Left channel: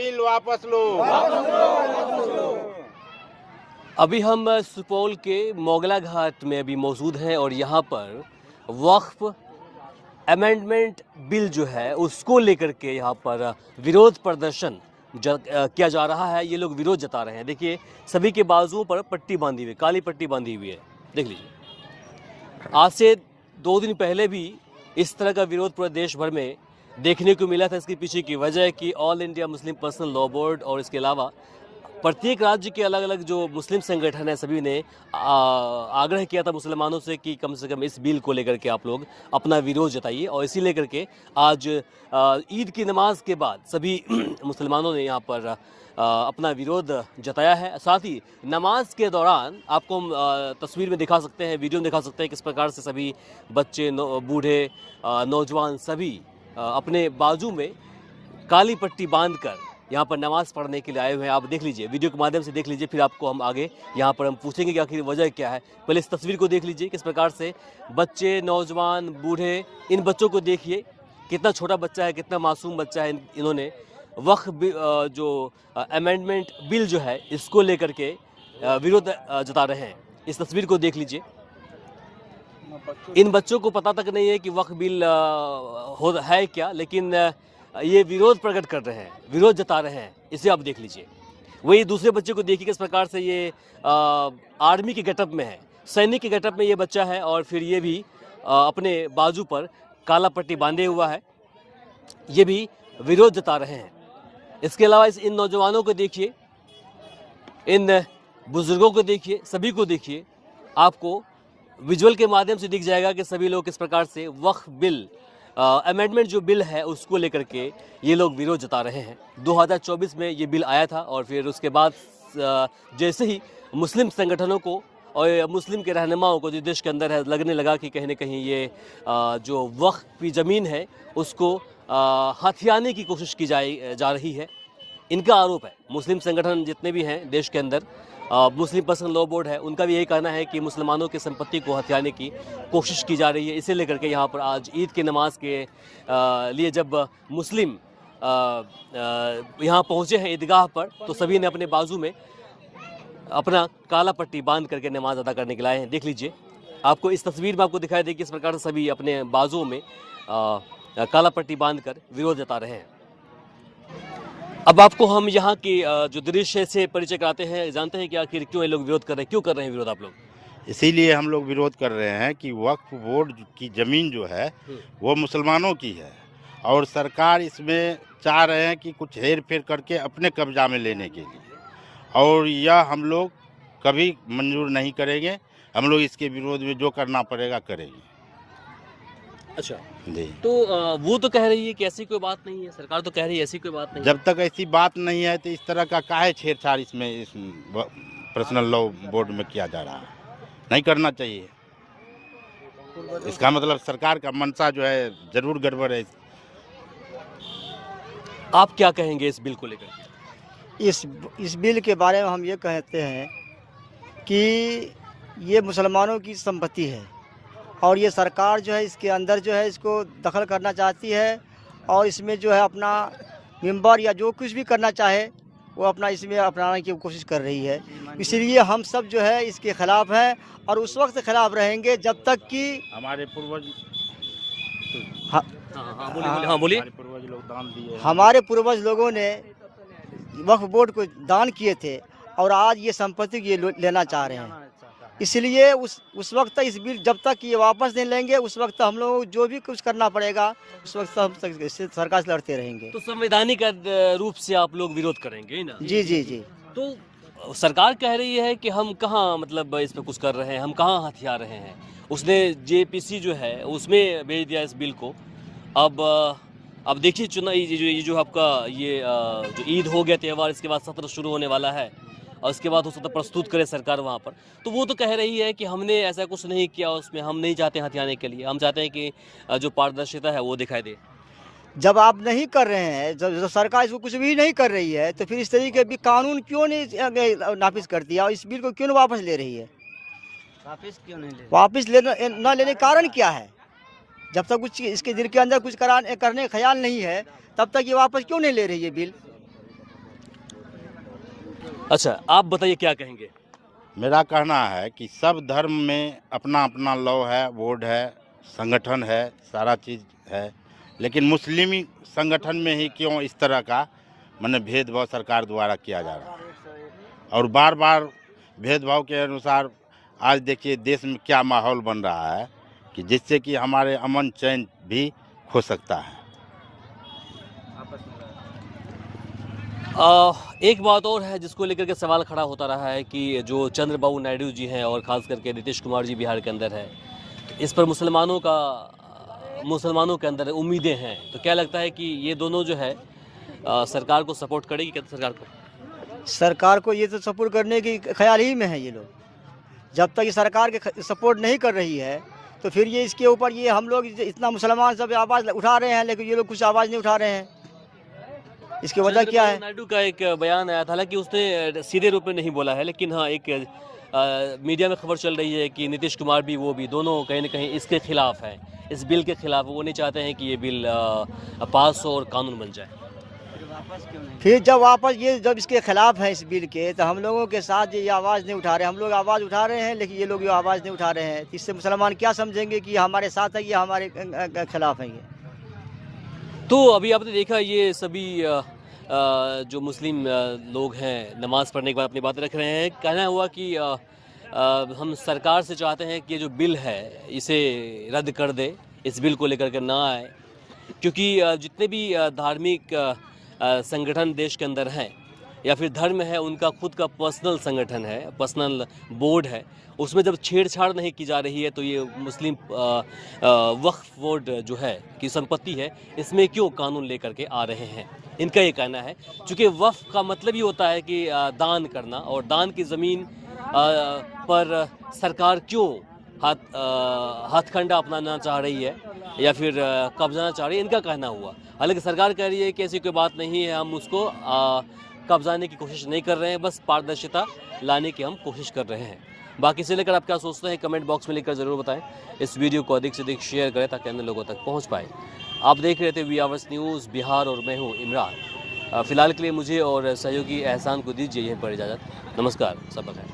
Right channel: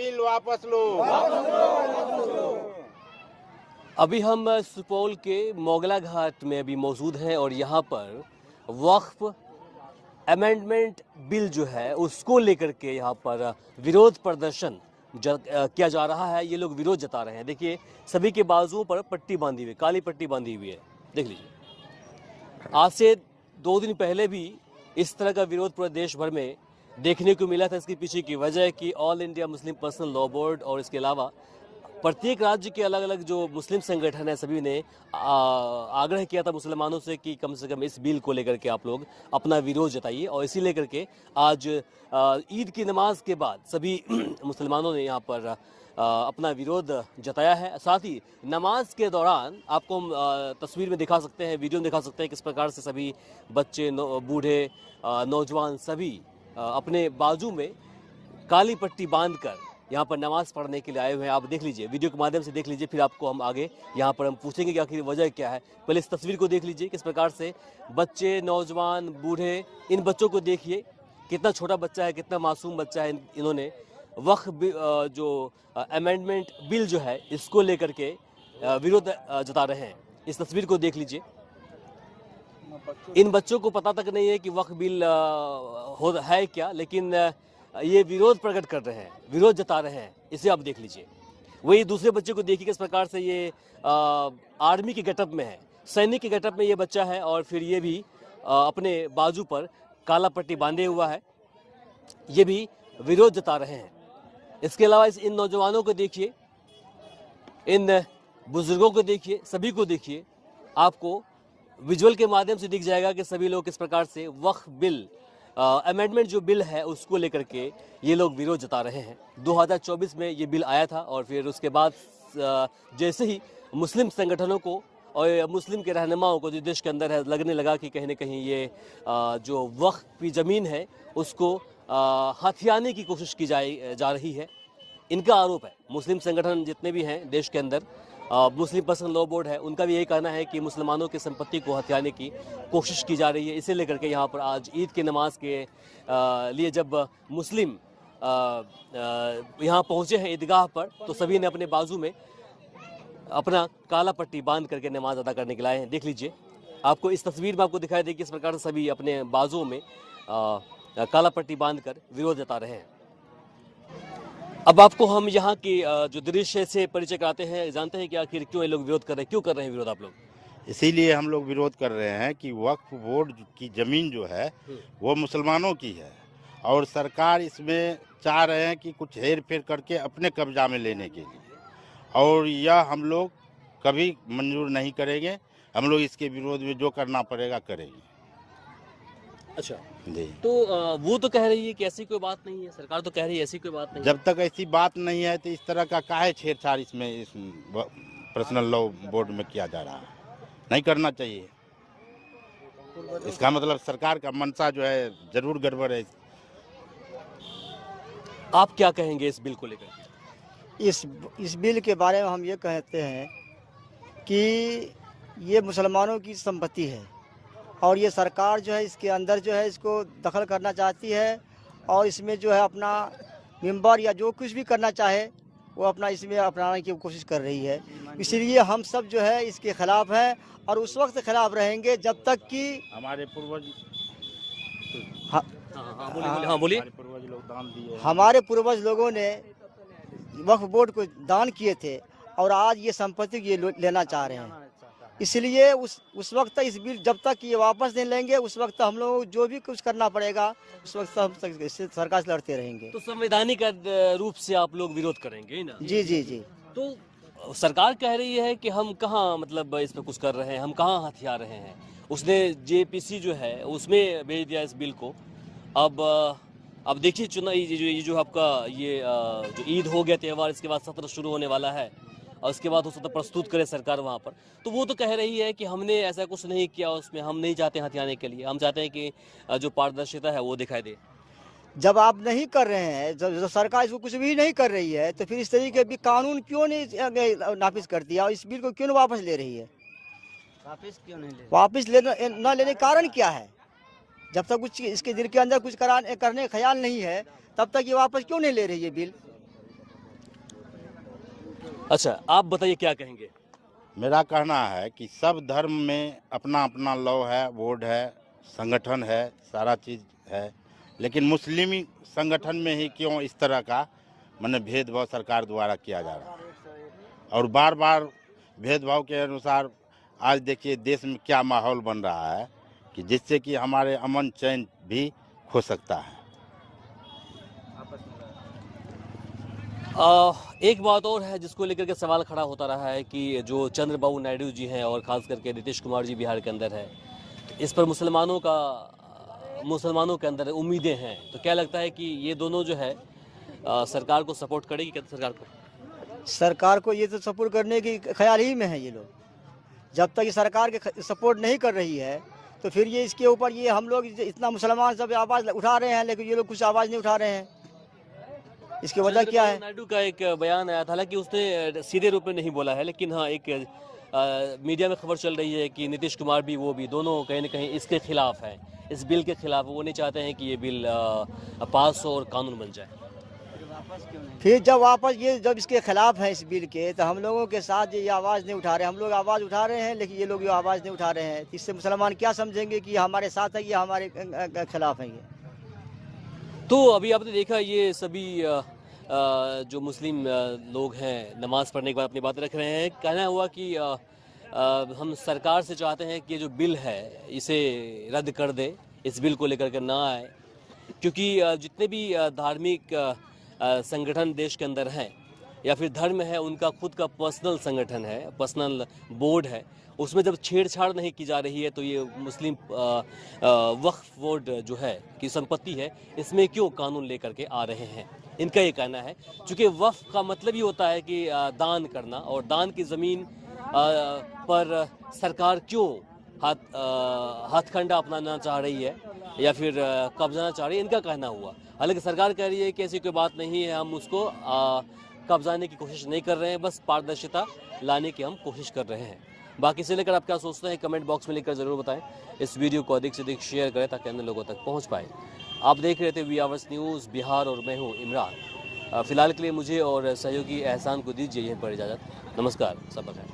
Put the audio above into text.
Bill वापस लो। अभी हम सुपौल के मोगला घाट में अभी मौजूद हैं और यहाँ पर वक्फ अमेंडमेंट बिल जो है उसको लेकर के यहाँ पर विरोध प्रदर्शन किया जा रहा है। ये लोग विरोध जता रहे हैं। देखिए सभी के बाजुओं पर पट्टी बांधी हुई, काली पट्टी बांधी हुई है। देख लीजिए, आज से 2 दिन पहले भी इस तरह का विरोध पूरे देश भर में देखने को मिला था। इसके पीछे की वजह है कि all India Muslim personal law board और इसके अलावा प्रत्येक राज्य के अलग अलग जो मुस्लिम संगठन है सभी ने आग्रह किया था मुसलमानों से कि कम से कम इस बिल को लेकर के आप लोग अपना विरोध जताइए। और इसी लेकर के आज ईद की नमाज के बाद सभी मुसलमानों ने यहाँ पर अपना विरोध जताया है। साथ ही नमाज के दौरान आपको हम तस्वीर में दिखा सकते हैं, वीडियो में दिखा सकते हैं किस प्रकार से सभी बच्चे, बूढ़े, नौजवान सभी अपने बाजू में काली पट्टी बांधकर यहाँ पर नमाज पढ़ने के लिए आए हुए हैं। आप देख लीजिए, वीडियो के माध्यम से देख लीजिए, फिर आपको हम आगे यहाँ पर हम पूछेंगे कि आखिर वजह क्या है। पहले इस तस्वीर को देख लीजिए, किस प्रकार से बच्चे, नौजवान, बूढ़े, इन बच्चों को देखिए, कितना छोटा बच्चा है, कितना मासूम बच्चा है। इन्होंने वक्फ जो अमेंडमेंट बिल जो है इसको लेकर के विरोध जता रहे हैं। इस तस्वीर को देख लीजिए, इन बच्चों को पता तक नहीं है कि वक्फ बिल है क्या, लेकिन ये विरोध प्रकट कर रहे हैं, विरोध जता रहे हैं। इसे आप देख लीजिए। वही दूसरे बच्चे को देखिए किस प्रकार से ये आर्मी के गेटअप में है, सैनिक के गेटअप में ये बच्चा है और फिर ये भी अपने बाजू पर काला पट्टी बांधे हुआ है, ये भी विरोध जता रहे हैं। इसके अलावा इन नौजवानों को देखिए, इन बुजुर्गों को देखिए, सभी को देखिए। आपको विजुअल के माध्यम से दिख जाएगा कि सभी लोग किस प्रकार से वक्फ बिल अमेंडमेंट जो बिल है उसको लेकर के ये लोग विरोध जता रहे हैं। 2024 में ये बिल आया था और फिर उसके बाद जैसे ही मुस्लिम संगठनों को और मुस्लिम के रहनुमाओं को जो देश के अंदर है लगने लगा कि कहीं ना कहीं ये जो वक्फ की ज़मीन है उसको हथियाने की कोशिश की जा रही है। इनका आरोप है, मुस्लिम संगठन जितने भी हैं देश के अंदर, मुस्लिम पर्सनल लॉ बोर्ड है, उनका भी यही कहना है कि मुसलमानों की संपत्ति को हथियाने की कोशिश की जा रही है। इसे लेकर के यहाँ पर आज ईद की नमाज के लिए जब मुस्लिम यहाँ पहुँचे हैं ईदगाह पर, तो सभी ने अपने बाजू में अपना काला पट्टी बांध करके नमाज अदा करने के लिए आए हैं। देख लीजिए, आपको इस तस्वीर में आपको दिखाई देगी किस प्रकार से सभी अपने बाजुओं में काला पट्टी बांध कर विरोध जता रहे हैं। अब आपको हम यहाँ के जो दृश्य से परिचय कराते हैं, जानते हैं कि आखिर क्यों ये लोग विरोध कर रहे हैं, क्यों कर रहे हैं विरोध आप लोग? इसीलिए हम लोग विरोध कर रहे हैं कि वक्फ बोर्ड की ज़मीन जो है वो मुसलमानों की है और सरकार इसमें चाह रहे हैं कि कुछ हेर फेर करके अपने कब्जा में लेने के लिए, और यह हम लोग कभी मंजूर नहीं करेंगे। हम लोग इसके विरोध में जो करना पड़ेगा करेंगे। अच्छा जी, तो वो तो कह रही है कि ऐसी कोई बात नहीं है, सरकार तो कह रही है ऐसी कोई बात नहीं है। जब तक ऐसी बात नहीं है तो इस तरह का काहे छेड़छाड़ इसमें इस पर्सनल लॉ बोर्ड में किया जा रहा है, नहीं करना चाहिए। इसका मतलब सरकार का मंशा जो है जरूर गड़बड़ है। आप क्या कहेंगे इस बिल को लेकर? इस बिल के बारे में हम ये कहते हैं कि ये मुसलमानों की संपत्ति है और ये सरकार जो है इसके अंदर जो है इसको दखल करना चाहती है और इसमें जो है अपना मेंबर या जो कुछ भी करना चाहे वो अपना इसमें अपनाने की कोशिश कर रही है। इसीलिए हम सब जो है इसके ख़िलाफ़ हैं और उस वक्त ख़िलाफ़ रहेंगे जब तक कि हमारे पूर्वज बोलिए। पूर्वज लोग दान दिए, हमारे पूर्वज लोगों ने वक्फ बोर्ड को दान किए थे और आज ये संपत्ति ये लेना चाह रहे हैं। इसलिए उस वक्त तक इस बिल जब तक ये वापस नहीं लेंगे उस वक्त हम लोग जो भी कुछ करना पड़ेगा उस वक्त हम सरकार से लड़ते रहेंगे। तो संवैधानिक रूप से आप लोग विरोध करेंगे ना? जी जी जी। तो सरकार कह रही है कि हम कहाँ मतलब इस पे कुछ कर रहे हैं, हम कहाँ हथिया रहे हैं। उसने जेपीसी जो है उसमें भेज दिया इस बिल को। अब देखिए चुनाव ये जो आपका ये जो ईद हो गया त्यौहार, इसके बाद सत्र शुरू होने वाला है और उसके बाद हो सकता प्रस्तुत करे सरकार वहाँ पर। तो वो तो कह रही है कि हमने ऐसा कुछ नहीं किया, उसमें हम नहीं चाहते हथियाने के लिए, हम चाहते हैं कि जो पारदर्शिता है वो दिखाई दे। जब आप नहीं कर रहे हैं, जब सरकार इसको कुछ भी नहीं कर रही है तो फिर इस तरीके भी कानून क्यों नहीं नाफिज कर दिया और इस बिल को क्यों नहीं वापस ले रही है? वापस ना लेने का कारण क्या है? जब तक कुछ इसके दिल के अंदर कुछ करने का ख्याल नहीं है तब तक ये वापस क्यों नहीं ले रही है बिल? अच्छा, आप बताइए क्या कहेंगे? मेरा कहना है कि सब धर्म में अपना अपना लॉ है, बोर्ड है, संगठन है, सारा चीज़ है, लेकिन मुस्लिमी संगठन में ही क्यों इस तरह का माने भेदभाव सरकार द्वारा किया जा रहा है। और बार बार भेदभाव के अनुसार आज देखिए देश में क्या माहौल बन रहा है कि जिससे कि हमारे अमन चैन भी खो सकता है। एक बात और है जिसको लेकर के सवाल खड़ा होता रहा है कि जो चंद्रबाबू नायडू जी हैं और ख़ास करके नीतीश कुमार जी बिहार के अंदर है, इस पर मुसलमानों के अंदर उम्मीदें हैं। तो क्या लगता है कि ये दोनों जो है सरकार को सपोर्ट करेगी क्या? सरकार को ये तो सपोर्ट करने की ख्याल ही में है ये लोग। जब तक ये सरकार के सपोर्ट नहीं कर रही है तो फिर ये इसके ऊपर ये हम लोग इतना मुसलमान सब आवाज़ उठा रहे हैं, लेकिन ये लोग कुछ आवाज़ नहीं उठा रहे हैं। इसकी वजह क्या है? नायडू का एक बयान आया था, हालांकि उसने सीधे रूप में नहीं बोला है, लेकिन हाँ एक मीडिया में खबर चल रही है कि नीतीश कुमार भी वो भी दोनों कहीं ना कहीं इसके खिलाफ हैं, इस बिल के खिलाफ। वो नहीं चाहते हैं कि ये बिल पास हो और कानून बन जाए। फिर जब इसके खिलाफ हैं इस बिल के, तो हम लोगों के साथ ये आवाज़ नहीं उठा रहे। हम लोग आवाज़ उठा रहे हैं, लेकिन ये लोग ये आवाज़ नहीं उठा रहे हैं। इससे मुसलमान क्या समझेंगे कि हमारे साथ है, ये हमारे खिलाफ है ये। तो अभी आपने देखा ये सभी जो मुस्लिम लोग हैं नमाज़ पढ़ने के बाद अपनी बातें रख रहे हैं। कहना हुआ कि हम सरकार से चाहते हैं कि ये जो बिल है इसे रद्द कर दे, इस बिल को लेकर के ना आए, क्योंकि जितने भी धार्मिक संगठन देश के अंदर हैं या फिर धर्म है, उनका खुद का पर्सनल संगठन है, पर्सनल बोर्ड है। उसमें जब छेड़छाड़ नहीं की जा रही है तो ये मुस्लिम वक्फ बोर्ड जो है की संपत्ति है, इसमें क्यों कानून लेकर के आ रहे हैं? इनका ये कहना है क्योंकि वक्फ का मतलब ही होता है कि दान करना, और दान की ज़मीन पर सरकार क्यों हथकंडा अपनाना चाह रही है या फिर कब्जाना चाह रही है, इनका कहना हुआ। हालांकि सरकार कह रही है कि ऐसी कोई बात नहीं है, हम उसको कब्जाने की कोशिश नहीं कर रहे हैं, बस पारदर्शिता लाने की हम कोशिश कर रहे हैं। बाकी से लेकर आप क्या सोचते हैं कमेंट बॉक्स में लिखकर ज़रूर बताएं। इस वीडियो को अधिक से अधिक शेयर करें ताकि अन्य लोगों तक पहुंच पाए। आप देख रहे थे वी आवर्स न्यूज़ बिहार और मैं हूं इमरान। फ़िलहाल के लिए मुझे और सहयोगी एहसान को दीजिए यहीं पर इजाज़त। नमस्कार, सब बखैर।